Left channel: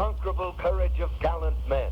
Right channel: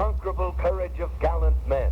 unconquerable courage of gallant men.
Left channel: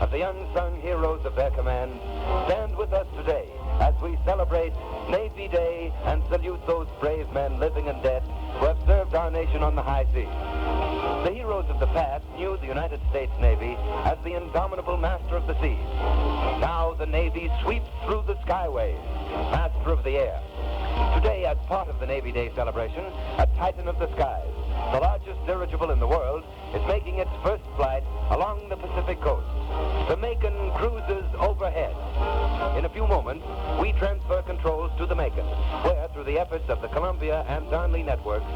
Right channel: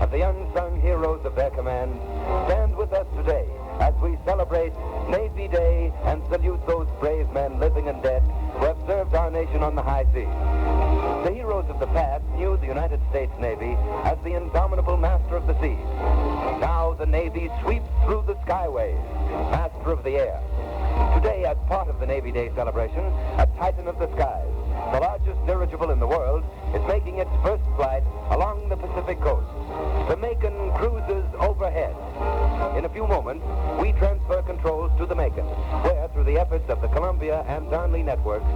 Of the unsung heroes of their command, stand with us today as we celebrate Navy Day and salute those brave men, living and dead, who have served our nation on the high seas. The heroes of the past knew the United States Navy as the indomitable master of the seas. Now the Navy sweeps through the skyways, master of the air. Today, as part of the Navy Day celebration, a Titan of the skies, the largest dirigible in the world, is making its first flight along the Pacific coast. The Macon cruises overhead. In a few moments, we transfer controls to the Macon, where, through the efforts of the Columbia and Darnley networks,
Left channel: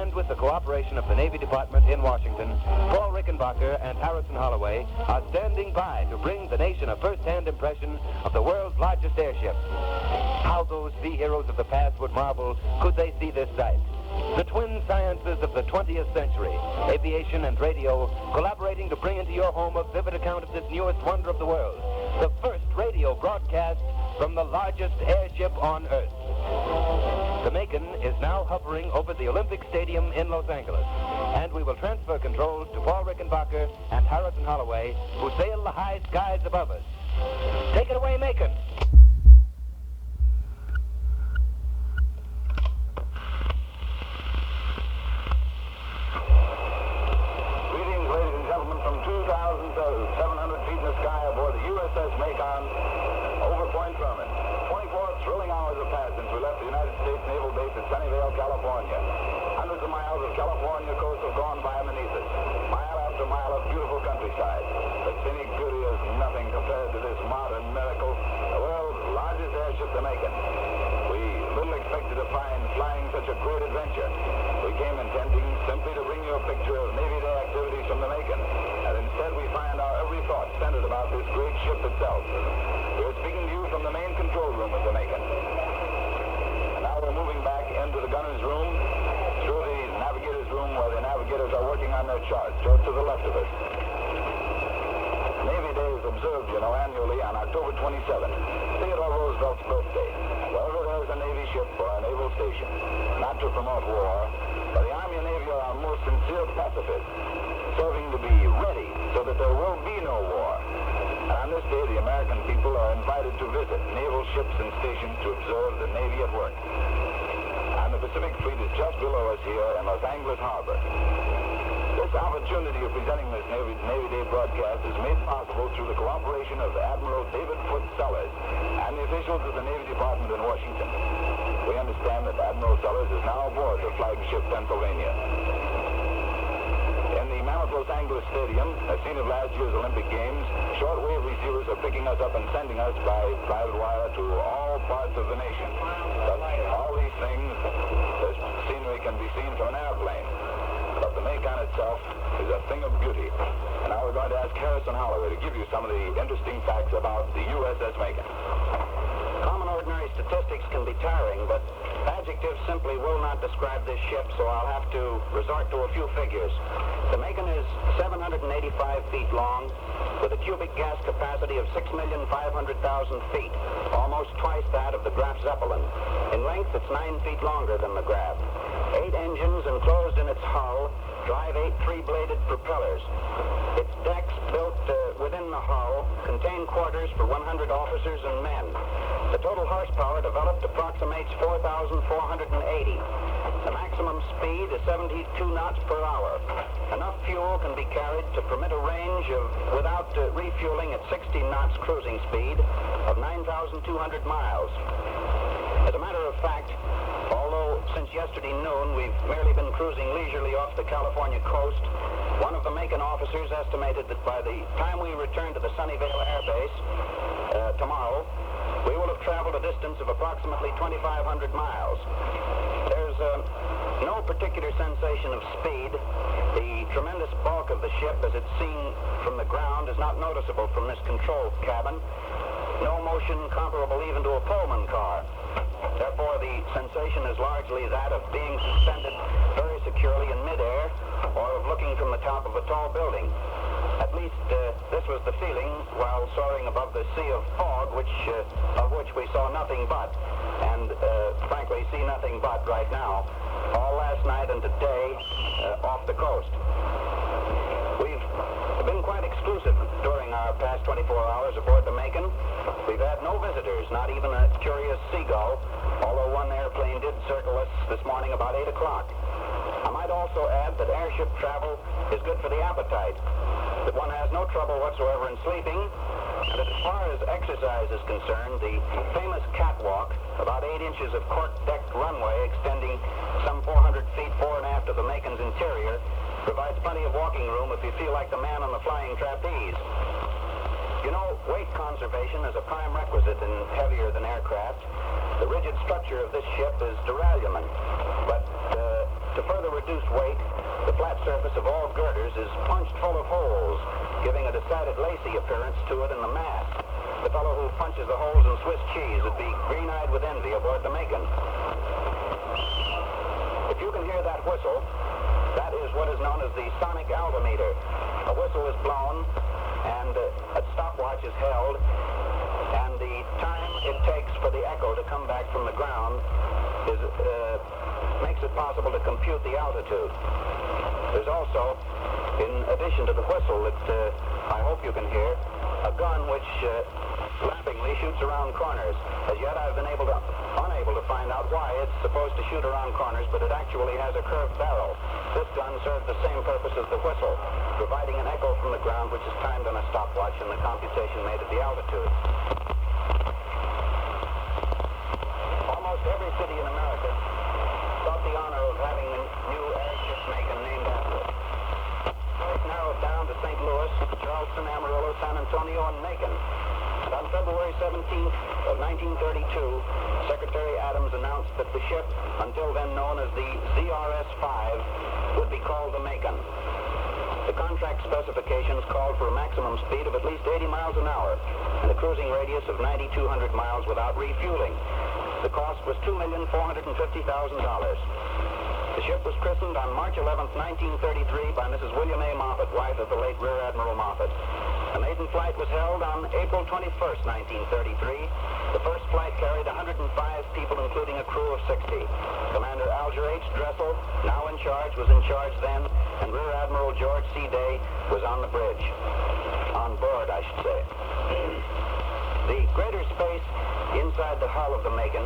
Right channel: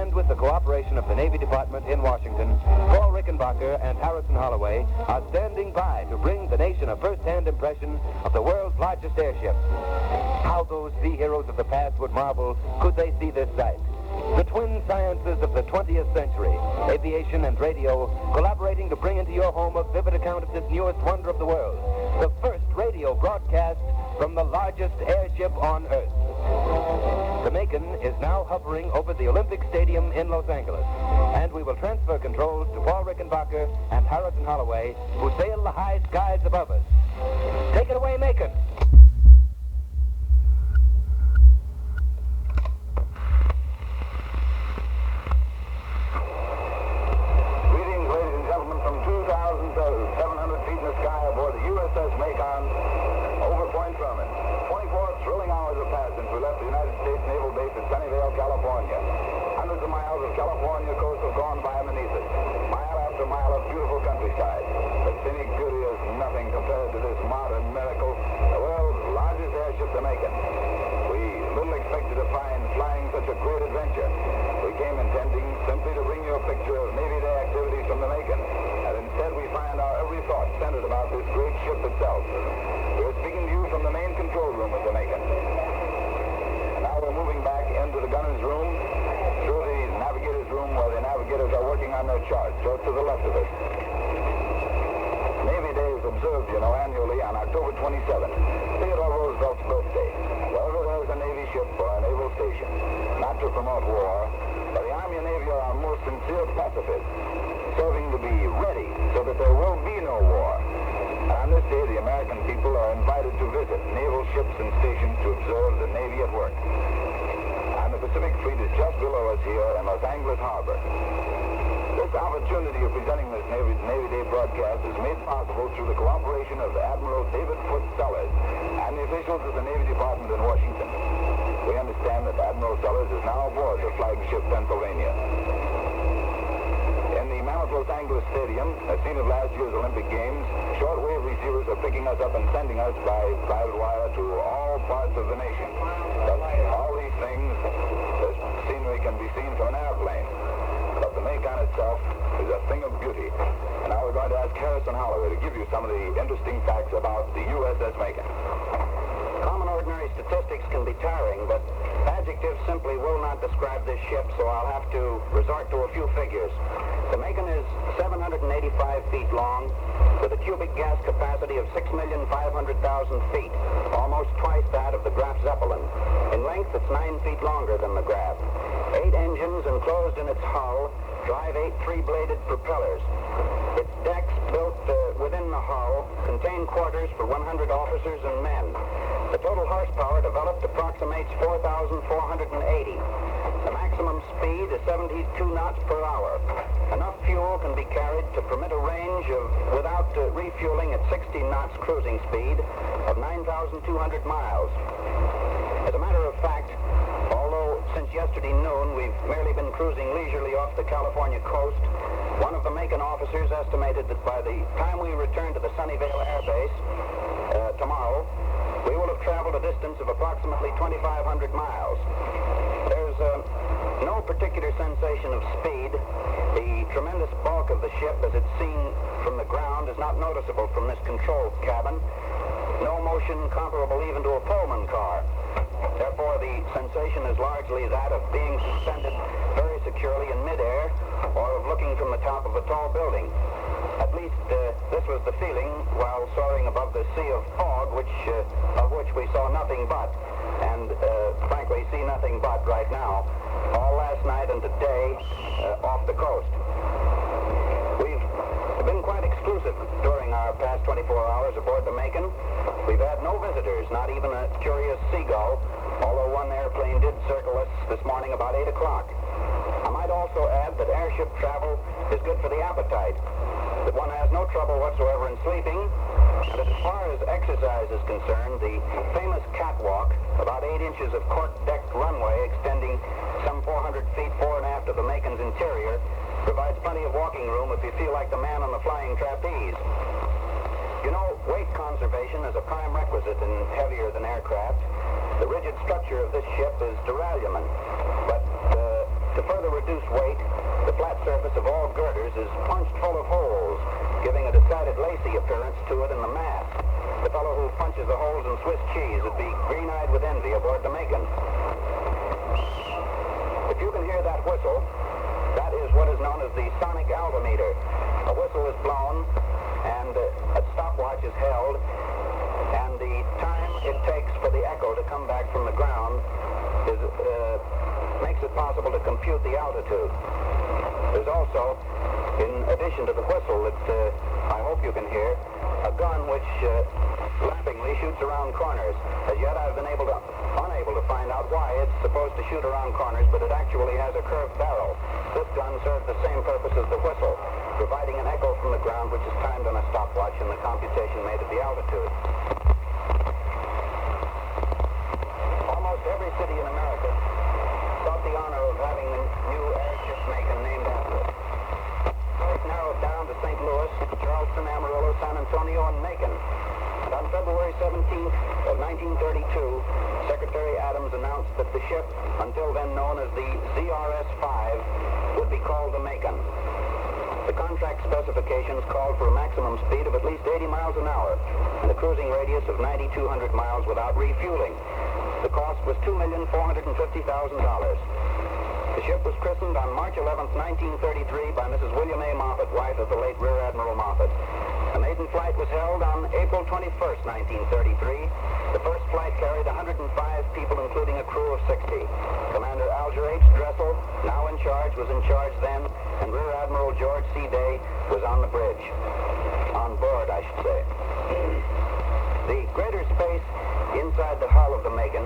and with the cooperation of the Navy Department in Washington, Paul Rickenbacker and Harrison Holloway are standing by to bring the nation a first-hand impression of the world's largest airship. How those sea heroes of the past would marvel could they see this sight. The twin sciences of the 20th century, aviation and radio, collaborating to bring into your home a vivid account of this newest wonder of the world, the first radio broadcast from the largest airship on Earth. The Macon is now hovering over the Olympic Stadium in Los Angeles, and we will transfer controls to Paul Rickenbacker and Harrison Holloway, who sail the high skies above us. Take it away, Macon. Macon, over Point Truman. 24 thrilling hours have passed since we left the United States Naval Base at Sunnyvale, California. Hundreds of miles of California coast have gone by beneath us. Mile after mile of beautiful countryside. The scenic beauty is nothing compared to this modern miracle, the world's largest airship, the Macon. We little expected to find flying such a great adventure. We came intending simply to bring you a picture of Navy Day activities from the Macon. And instead we find our every thought centered about this great ship itself. We're speaking to you from the main control room of the Macon. And now we're moving back into the gunner's room, through the navigator's room where the navigators are working on their charts, just to the left of us. Navy Day is observed, annually on October 27th, Theodore Roosevelt's birthday. Wherever there's a Navy ship or a naval station, not to promote war, but the Army and Navy are our most sincere pacifists, serving to be ready so that there will be no war. And on this day, the American people are invited to visit naval ships and stations to observe the Navy at work. And the Pacific Fleet is just below us here in Los Angeles Harbor. This opportunity of presenting this Navy Day broadcast is made possible through the cooperation of Admiral David Foote Sellers and the officials of the Navy Department in Washington. We understand that Admiral Sellers is now aboard the flagship Pennsylvania. In the Mammoth Los Angeles Stadium, a scene of last year's Olympic Games, shortwave receivers are picking us up and sending us by private wire to all parts of the nation. But all these things, this scenery can be seen from an airplane. But the Macon itself is a thing of beauty. And now we're going to ask Harrison Holloway to give you some of the interesting facts about the USS Macon. Common ordinary statistics can be tiring, but adjectives simply will not describe this ship, so I'll have to resort to a few figures. The Macon is 785 feet long, with a cubic gas capacity of 6,500,000 feet, almost twice that of the Graf Zeppelin. In length, length, it's 9 feet longer than the Grab. 8 engines enclosed in its hull drive 8 three-bladed propellers. Its decks, built within the hull, contain quarters for 100 officers and men. The total horsepower developed approximates 4,480. The maximum speed is 72 knots per hour. Enough fuel can be carried to permit a range of, without refueling at 60 knots cruising speed, of 9,200 miles. As a matter of fact, although since yesterday noon we've merely been cruising leisurely off the California coast, one of the Macon officers estimated that by the time we return to the Sunnyvale Air Base tomorrow, we will have traveled a distance of approximately 2,500 miles. There's no particular sensation of speed. The tremendous bulk of the ship, as it's seen from the ground, is not noticeable from this control cabin. No motion comparable even to a Pullman car. Therefore, the sensation is largely that of being suspended very securely in midair or of looking from the top of a tall building. At least this was the feeling while soaring above the sea of fog, of which we saw nothing but, and frankly see nothing but right now, all last night and today off the coast. We've been quite exclusive during our past 24 hours aboard the Macon. We've had no visitors, not even a curious seagull, although one airplane did circle us this morning about 8 o'clock. I might also add that airship travel is good for the appetite, that one has no trouble whatsoever in sleeping, and as far as exercise is concerned, the famous catwalk, about 8 inches of cork-decked runway extending some 400 feet fore and aft of the Macon's interior, provides plenty of walking room if you feel like the man on the flying trapeze. You know, weight conservation is a prime requisite in heavier than aircraft. The rigid structure of this ship is duralumin, but to further reduce weight, the flat surface of all girders is punched full of holes, giving a decided lacy appearance to it in the mast. The fellow who punches the holes in Swiss cheese would be green-eyed with envy aboard the Macon. If you can hear that whistle, that is what is known as the sonic altimeter. A whistle is blown, and a stopwatch is held, and the time it takes for the echo to come back from the ground makes it possible to compute the altitude. There's also, in addition to the whistle that I hope you can hear, a gun which laughingly shoots around corners. As yet I've been unable to find out why it's supposed to shoot around corners, but it actually has a curved barrel. This gun serves the same purpose as the whistle, providing an echo from the ground which is timed on a stopwatch in the computation made at the altitude. Almost every city in America got the honor of having a new airship Macon named after it. It's narrowed down to St. Louis, Charleston, Amarillo, San Antonio, and Macon. And on February 17th of 1932, Secretary Adams announced that the ship, until then known as the ZRS-5, would be called the Macon. The contract specifications called for a maximum speed of at least 80 miles an hour and a cruising radius of 9,200 miles without refueling. The cost was $2,450,000. The ship was christened on March 11th, 1933 by Mrs. William A. Moffett, wife of the late Rear Admiral Moffett. A maiden flight was held on April 21st, 1933. The first flight carried 105 people, including a crew of 60. Commander Alger H. Dressel, now in charge, was in charge then, and Rear Admiral George C. Day was on the bridge. On board, I should say. The greater space inside the hull of the Macon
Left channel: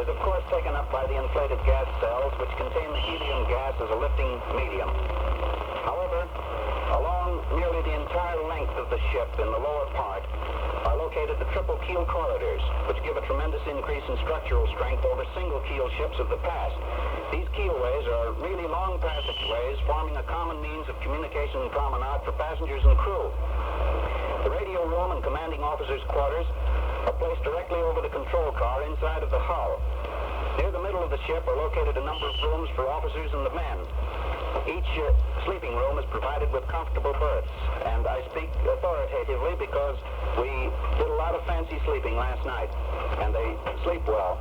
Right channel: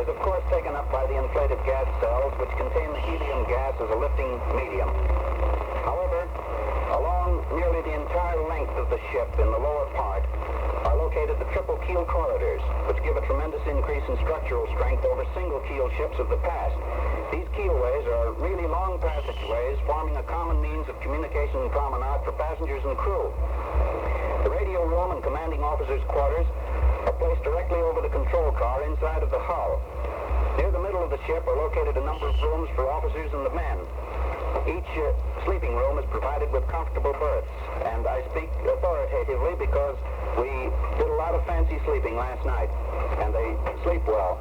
is, of course, taken up by the inflated gas cells, which contain the helium gas as a lifting medium. However, along nearly the entire length of the ship in the lower part are located the triple keel corridors, which give a tremendous increase in structural strength over single keel ships of the past. These keelways are really long passageways, forming a common means of communication and promenade for passengers and crew. The radio room and commanding officers' quarters are placed directly over the control car inside of the hull. Near the middle of the ship are located a number of rooms for officers and the men. Each sleeping room is provided with comfortable berths, and I speak authoritatively because we did a lot of fancy sleeping last night, and they sleep well.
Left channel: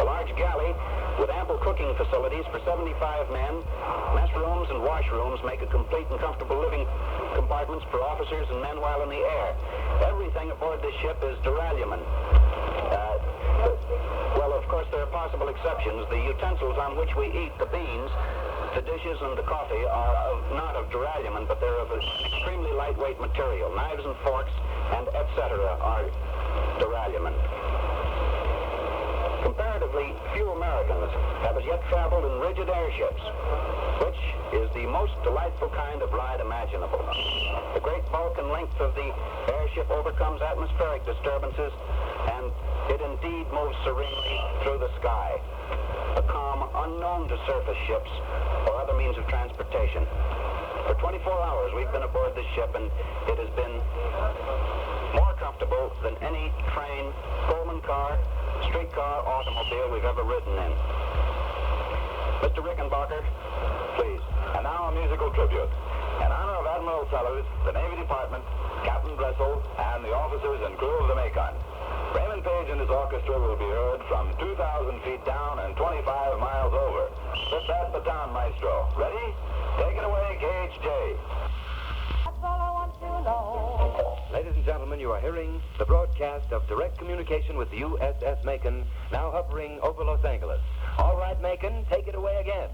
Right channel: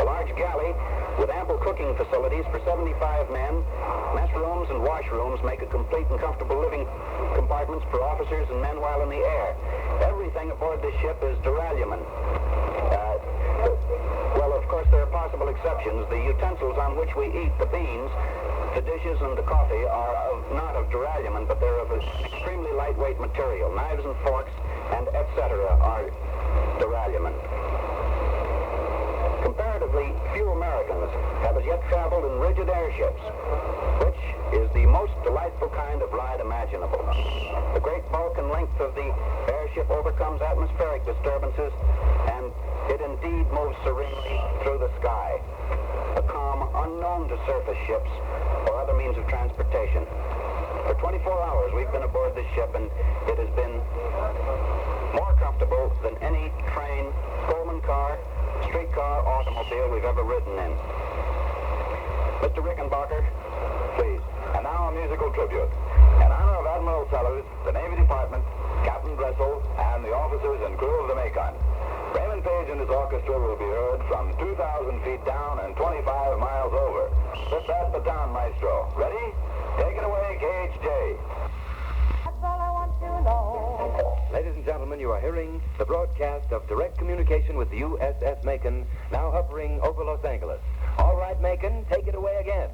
A large galley with ample cooking facilities for 75 men, mess rooms and washrooms make a complete and comfortable living compartments for officers and men while in the air. Everything aboard this ship is duralumin. Well, of course, there are exceptions. The utensils on which we eat, the beans, the dishes, and the coffee are not of duralumin, but they're of an extremely lightweight material. Knives and forks and etc. are duralumin. Comparatively, few Americans have as yet traveled in rigid airships, which is the most delightful kind of ride imaginable. The great bulk and length of the airship overcomes atmospheric disturbances, and it indeed moves serenely through the sky, a calm unknown to surface ships or other means of transportation. For 24 hours we've been aboard this ship, and it has been more comfortable than any train, Pullman car, streetcar, automobile we've ever ridden in. Mr. Rickenbacker, please. And now a musical tribute. In honor of Admiral Sellers, the Navy Department, Captain Dressel, and the officers and crew of the Macon. Raymond Page and his orchestra will be heard from 2,000 feet down and 25 miles over. Put that baton, maestro. Ready? Take it away, KHJ. That's all I want to know. Ladies and gentlemen, you are hearing the broadcast of direct communication with the USS Macon, now hovering over Los Angeles. All right, Macon, take it away again.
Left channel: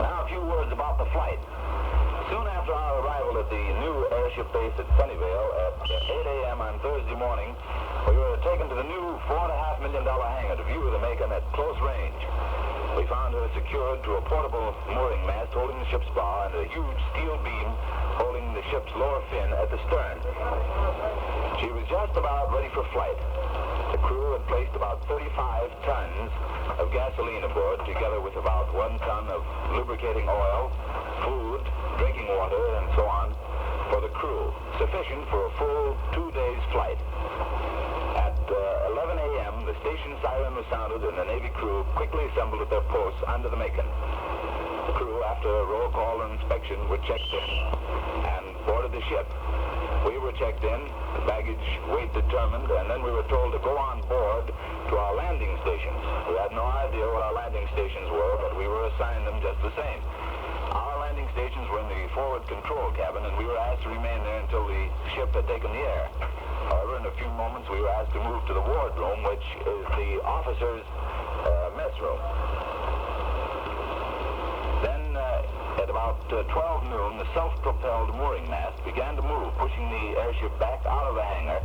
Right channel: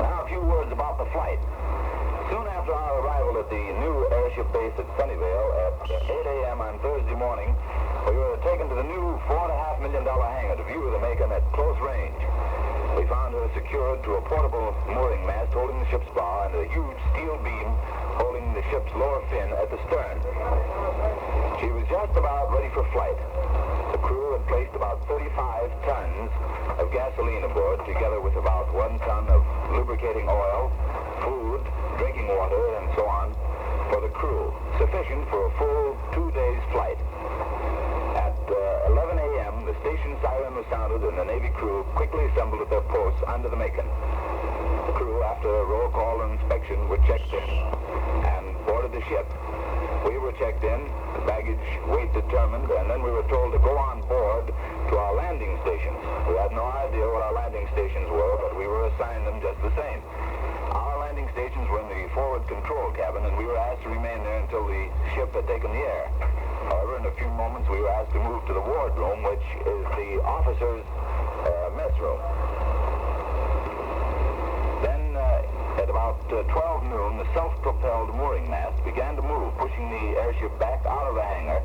Now a few words about the flight. Soon after our arrival at the new airship base at Sunnyvale at 8 a.m. on Thursday morning, we were taken to the new $4.5 million hangar to view the Macon at close range. We found her secured to a portable mooring mast holding the ship's bow and a huge steel beam holding the ship's lower fin at the stern. She was just about ready for flight. The crew had placed about 35 tons of gasoline aboard, together with about 1 ton of lubricating oil, food, drinking water, and so on, for the crew, sufficient for a full 2 days' flight. At 11 a.m., the station siren was sounded, and the Navy crew quickly assembled at their posts under the Macon. The crew, after a roll call and inspection, were checked in and boarded the ship. We were checked in, baggage weight determined, and then we were told to go on board to our landing stations. We had no idea what our landing stations were, but we were assigned them just the same. Our landing stations were in the forward control cabin, and we were asked to remain there until the ship had taken the air. However, in a few moments, we were asked to move to the wardroom, which is the officers' mess room. Then, at about 12 noon, the self-propelled mooring mast began to move, pushing the airship back out of the hangar,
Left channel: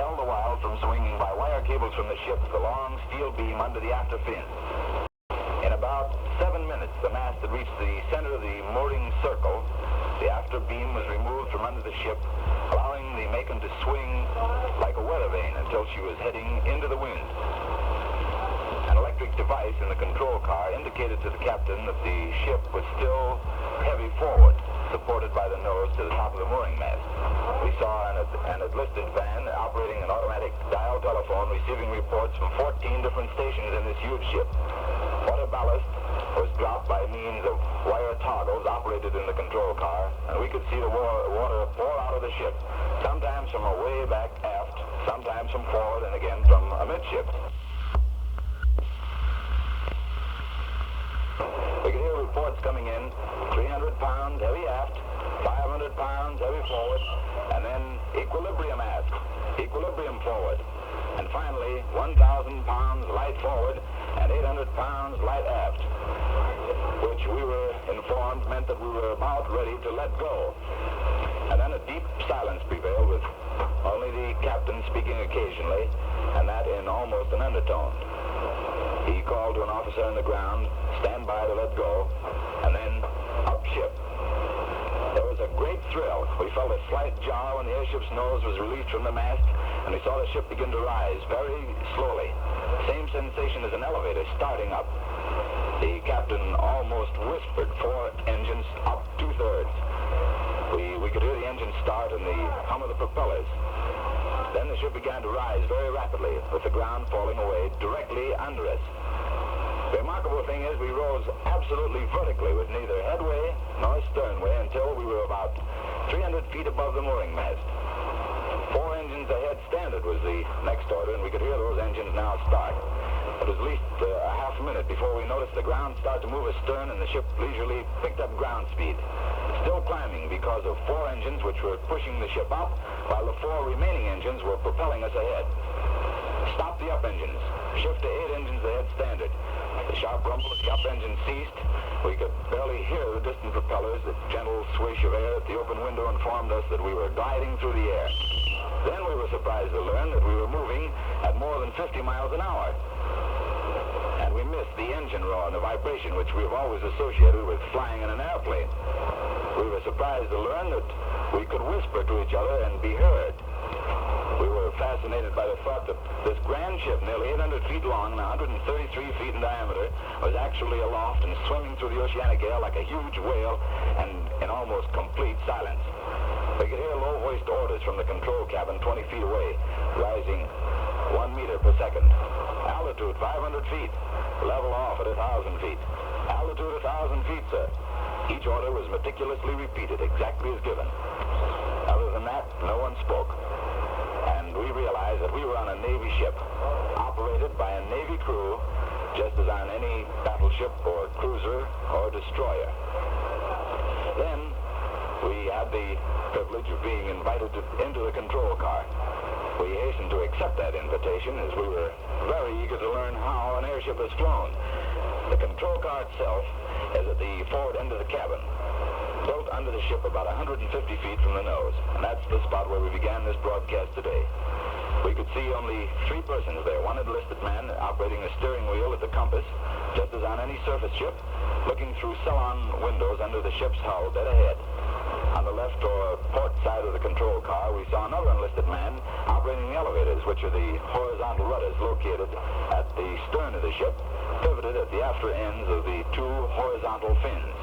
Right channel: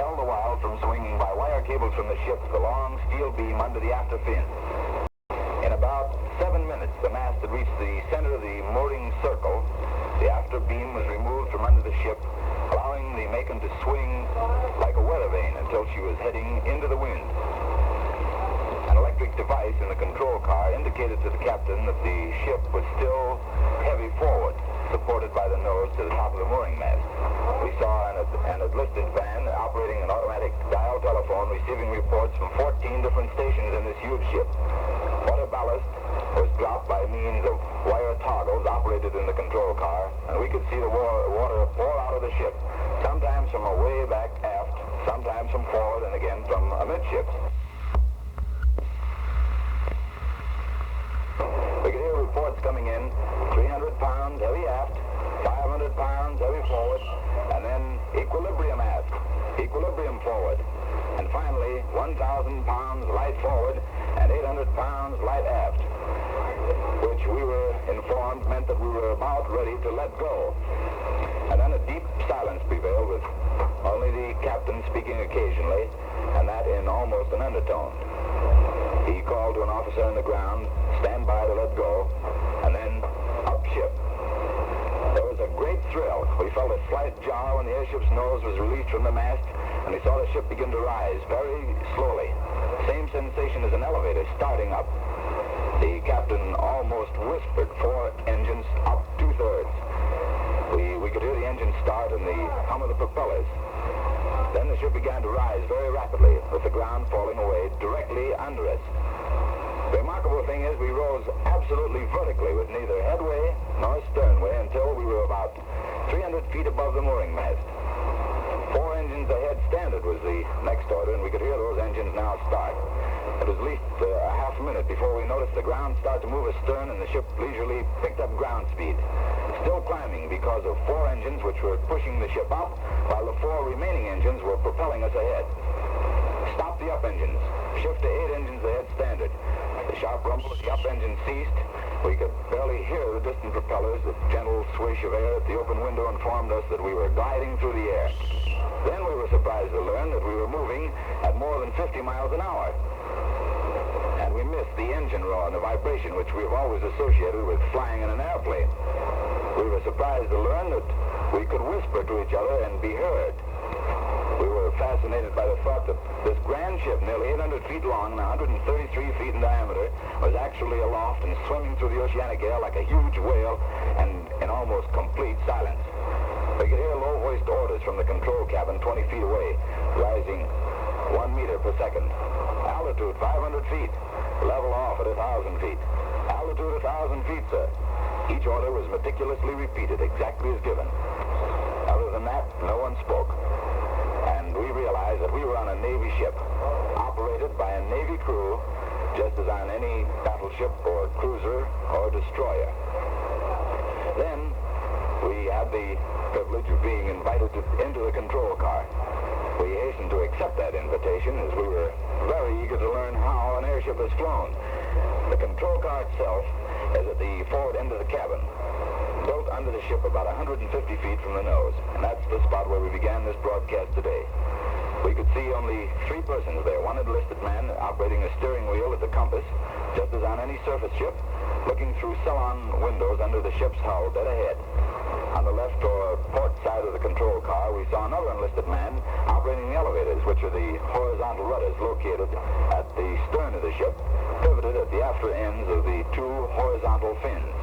held the while from swinging by wire cables from the ship to the long steel beam under the after fin. In about 7 minutes, the mast had reached the center of the mooring circle. The after beam was removed from under the ship, allowing the Macon to swing like a weather vane until she was heading into the wind. An electric device in the control car indicated to the captain that the ship was still heavy forward, supported by the nose to the top of the mooring mast. We saw an lifted van operating an automatic dial telephone, receiving reports from 14 different stations in this huge ship. Water ballast was dropped by means of wire toggles operated in the control car, and we could see the water pour out of the ship, sometimes from way back aft, sometimes from forward, and again from amidships. We could hear reports coming in, 300 pounds heavy aft, 500 pounds heavy forward, and then equilibrium aft, equilibrium forward, and finally 1,000 pounds light forward and 800 pounds light aft, which we were informed meant that we were about ready to let go. And then a deep silence prevailed, with only the captain speaking occasionally, and that in almost an undertone. He called to an officer on the ground, stand by to let go, and then up ship. There was a great thrill. We felt a slight jar when the airship's nose was released from the mast, and we saw the ship begin to rise very slowly. Same sensation as an elevator starting up. The captain almost whispered 4 engines up 2/3. We could hear the engine start and the hum of the propellers. Then the ship began to rise very rapidly, with the ground falling away directly under us. The remarkable thing is we rose absolutely vertically with neither headway nor sternway until we were about 300 feet above the mooring mast. 4 engines ahead standard was the next order, and we could hear those engines now start. It was at least a half a minute before we noticed the ground start to move astern, and the ship leisurely picked up ground speed. Still climbing because of 4 engines which were pushing the ship up while the 4 remaining engines were propelling us ahead. Stop the up engines. Shift to 8 engines ahead standard. The sharp rumble of the up engine ceased. We could barely hear the distant propellers. The gentle swish of air at the open window informed us that we were gliding through the air. Then we were surprised to learn that we were moving at more than 50 miles an hour. And we missed the engine roar and the vibration which we have always associated with flying in an airplane. We were surprised to learn that we could whisper to each other and be heard. We were fascinated by the thought that this grand ship, nearly 800 feet long and 133 feet in diameter, was actually aloft and swimming through the oceanic air like a huge whale and in almost complete silence. We could hear low-voiced orders from the control cabin 20 feet away, rising 1 meter per second. Altitude 500 feet. Level off at 1,000 feet. Altitude 1,000 feet, sir. Each order was meticulously repeated, exactly as given. Other than that, no one spoke. And we realized that we were on a Navy ship, operated by a Navy crew, just as on any battleship or cruiser or destroyer. Then, we had the privilege of being invited into the control car. We hastened to accept that invitation as we were very eager to learn how an airship is flown. The control car itself is at the forward end of the cabin, built under the ship about 150 feet from the nose, and that's the spot where we began this broadcast today. We could see only 3 persons there, one enlisted man operating a steering wheel at the compass, just as on any surface ship, looking through salon windows under the ship's hull dead ahead. On the left or port side of the control car, we saw another enlisted man operating the elevators, which are the horizontal rudders located at the stern of the ship, pivoted at the after ends of the 2 horizontal fins.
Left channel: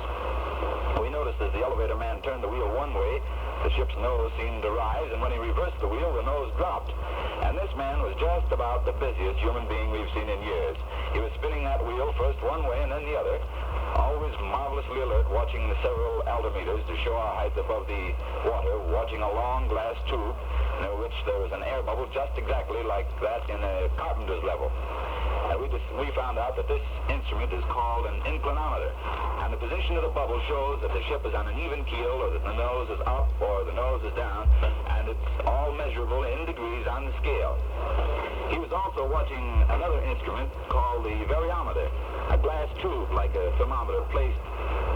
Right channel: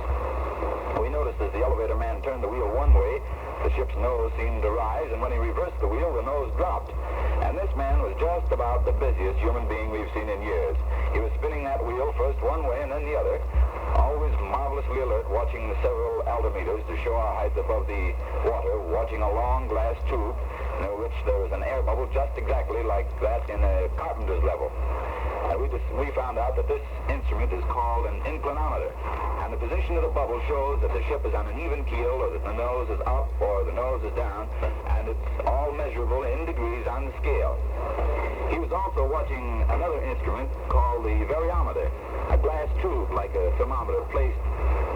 We noticed as the elevator man turned the wheel one way, the ship's nose seemed to rise, and when he reversed the wheel, the nose dropped. And this man was just about the busiest human being we've seen in years. He was spinning that wheel first one way and then the other, always marvelously alert, watching the several altimeters to show our height above the water, watching a long glass tube near which there was an air bubble just exactly like that in a carpenter's level. And we found out that this instrument is called an inclinometer. And the position of the bubble shows that the ship is on an even keel, or that the nose is up or the nose is down, and it's all measurable in degrees on the scale. He was also watching another instrument called the variometer, a glass tube like a thermometer placed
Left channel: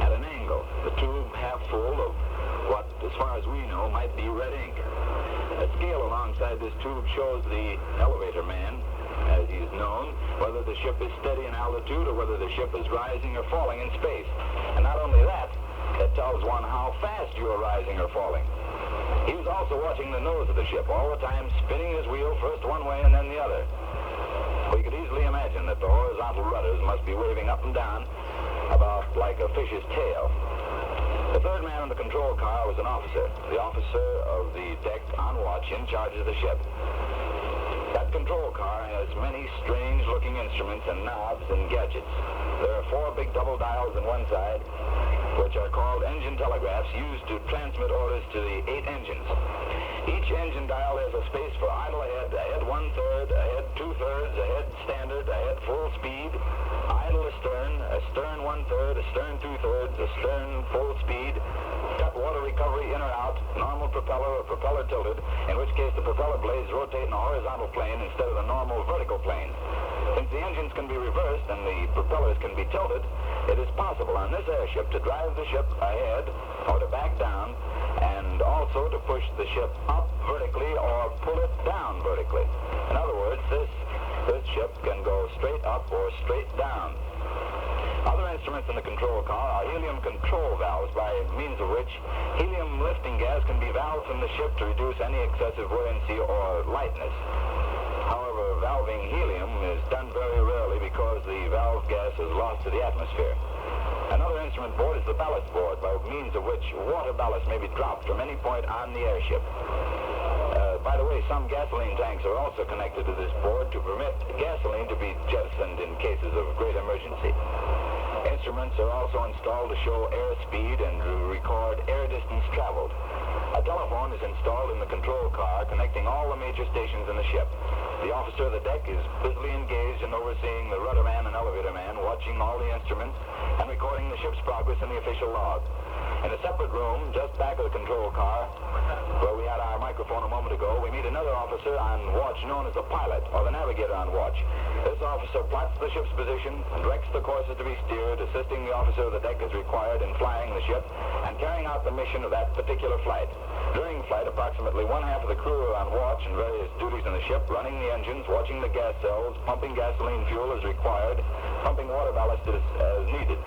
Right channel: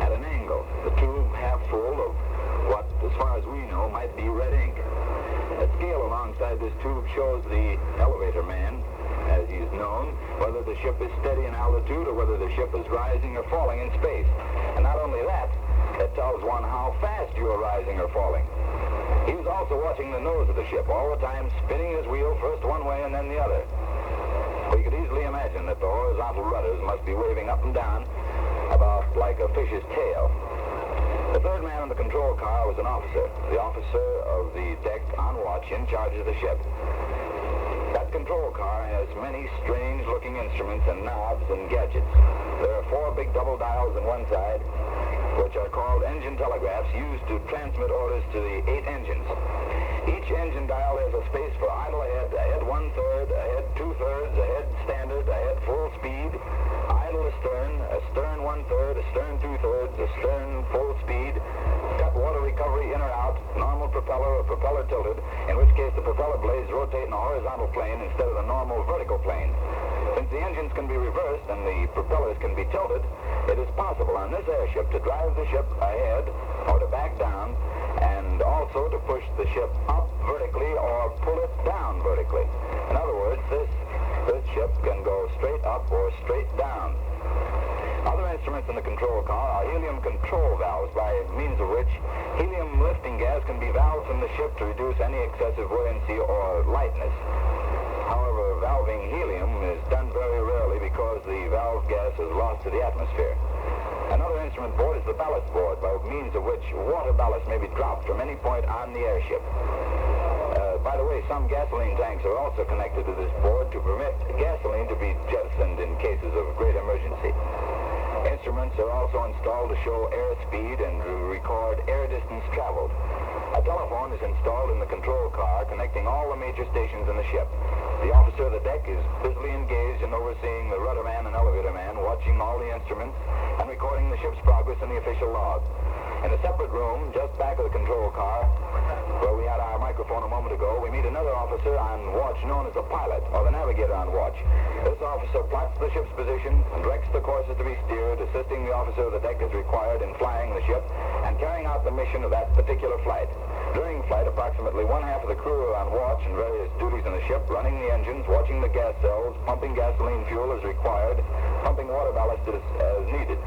at an angle. The tube half full of what, as far as we know, might be red ink. A scale alongside this tube shows the elevator man, as he is known, whether the ship is steady in altitude or whether the ship is rising or falling in space. And not only that, it tells one how fast you are rising or falling. He was also watching the nose of the ship, all the time spinning his wheel first one way and then the other. We could easily imagine that the horizontal rudders must be waving up and down about like a fish's tail. The third man in the control car was an officer, the officer of the deck on watch in charge of the ship. That control car has many strange-looking instruments and knobs and gadgets. There are 4 big double dials on one side, which are called engine telegraphs, used to transmit orders to the 8 engines. Each engine dial has a space for idle ahead, ahead 1/3, ahead 2/3, ahead standard, ahead full speed, idle astern, astern 1/3, astern 2/3, astern full speed, cut water recovery in or out, normal propeller or propeller tilted, in which case the propeller blades rotate in a horizontal plane instead of a normal vertical plane. Since the engines can be reversed and the propellers can be tilted, it is possible on this airship to drive the ship ahead or to back down, and also to push the ship up vertically or pull it down vertically. In other words, this ship can go straight up or straight down. Other instruments in the control car are helium control valves, by means of which helium lifting gas can be valved from the ship to reduce any excessive buoyancy or lightness. However, valving helium is done very rarely because the valve gas is lost to the atmosphere. Another instrument board is the ballast board, by means of which water ballast may be dropped from any point on the airship. By the way, some gasoline tanks are also connected to this board to permit gasoline to be jettisoned in cases of great emergency. Instruments are also installed to show airspeed and to record air distance traveled. A telephone is installed in the control car, connecting all the major stations in the ship. The officer of the deck is busily engaged in overseeing the rudderman and elevator man, watching all the instruments and recording the ship's progress in the official log. In a separate room, just back of the control car, where we had our microphone a moment ago, we meet another officer on watch known as the pilot, or the navigator on watch. This officer plots the ship's position and directs the courses to be steered, assisting the officer of the deck as required in flying the ship and carrying out the mission of that particular flight. During flight, approximately one half of the crew are on watch in various duties in the ship, running the engines, watching the gas cells, pumping gasoline fuel as required, pumping water ballast as needed.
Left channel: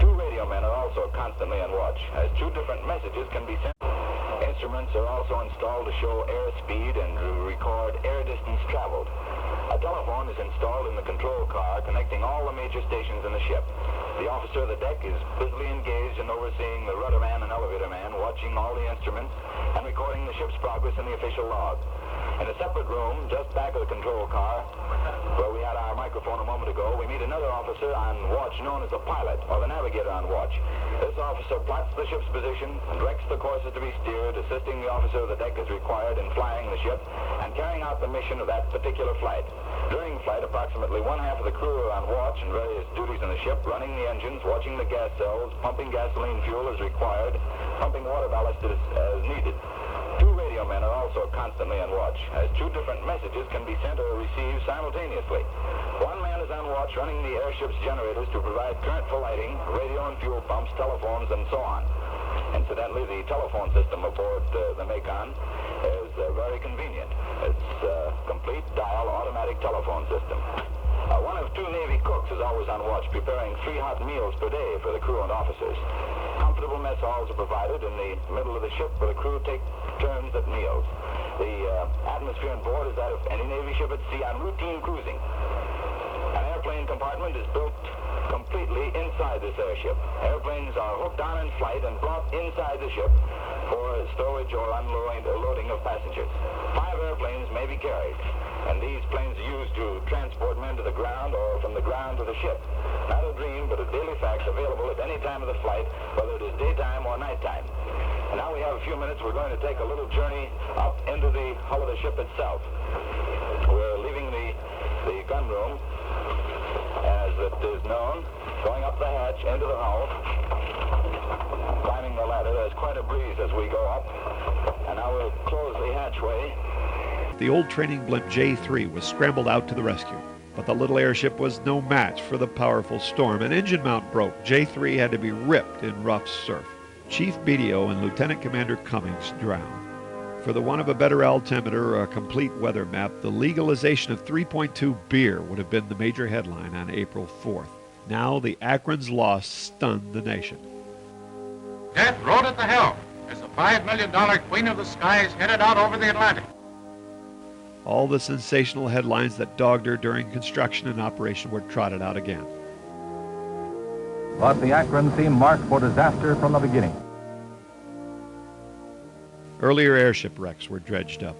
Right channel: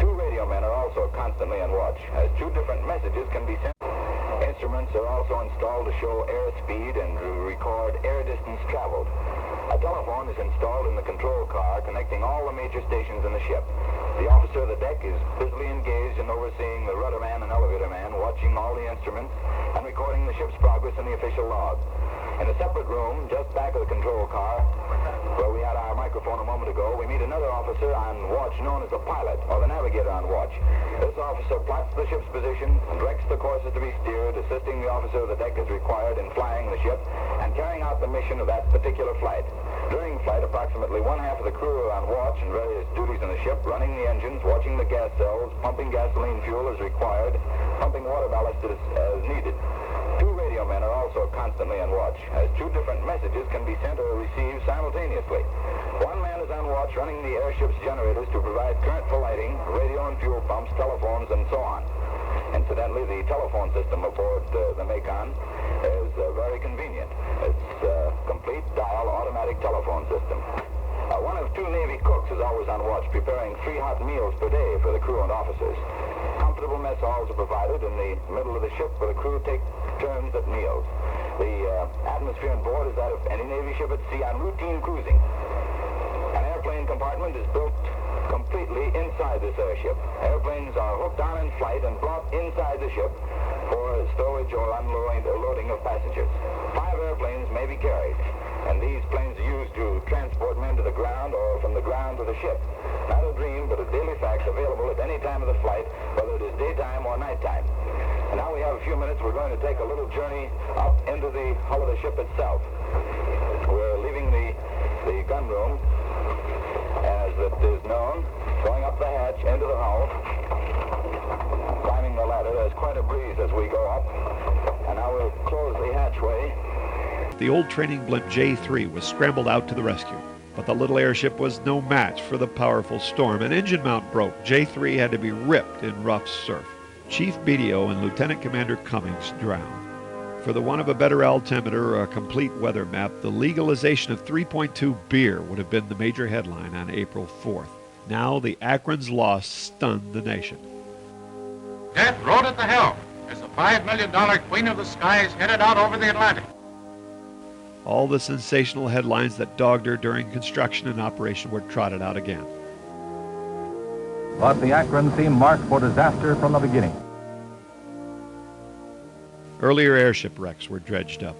Two radio men are also constantly on watch, as two different messages can be sent. Instruments are also installed to show airspeed and to record air distance traveled. A telephone is installed in the control car, connecting all the major stations in the ship. The officer of the deck is busily engaged in overseeing the rudderman and elevator man, watching all the instruments and recording the ship's progress in the official log. In a separate room, just back of the control car, where we had our microphone a moment ago, we meet another officer on watch known as the pilot, or the navigator on watch. This officer plots the ship's position and directs the courses to be steered, assisting the officer of the deck as required in flying the ship and carrying out the mission of that particular flight. During flight, approximately one half of the crew are on watch in various duties in the ship, running the engines, watching the gas cells, pumping gasoline fuel as required, pumping water ballast as needed. Two radio men are also constantly on watch, as two different messages can be sent or received simultaneously. One man is on watch running the airship's generators to provide current for lighting, radio and fuel pumps, telephones, and so on. Incidentally, the telephone system aboard the Macon is very convenient. It's a complete dial automatic telephone system. One of two Navy cooks is always on watch, preparing 3 hot meals per day for the crew and officers. Comfortable mess halls are provided in the middle of the ship where the crew take turns at meals. The atmosphere on board is that of any Navy ship at sea on routine cruising. An airplane compartment is built completely inside this airship. Airplanes are hooked on in flight and brought inside the ship for stowage or unloading of passengers. 5 airplanes may be carried, and these planes are used to transport men to the ground or from the ground to the ship. Not a dream, but a daily fact available at any time of the flight, whether it is daytime or nighttime. And now we have a few minutes. We're going to take a little journey up into the hull of the ship itself. We're leaving the gun room, as it is known, going up the hatch into the hull, climbing the ladder. There's quite a breeze as we go up, and now we'll close the hatchway. The old training blimp J-3 was scrambled out to the rescue, but the little airship was no match for the powerful storm. An engine mount broke. J-3 had to be ripped in rough surf. Chief BDO and Lieutenant Commander Cummings drowned. For the want of a better altimeter or a complete weather map, the legalization of 3.2 beer would have been the major headline on April 4th. Now the Akron's loss stunned the nation. Death rode at the helm as the $5 million Queen of the Skies headed out over the Atlantic. All the sensational headlines that dogged her during construction and operation were trotted out again. But the Akron seemed marked for disaster from the beginning. Earlier airship wrecks were dredged up.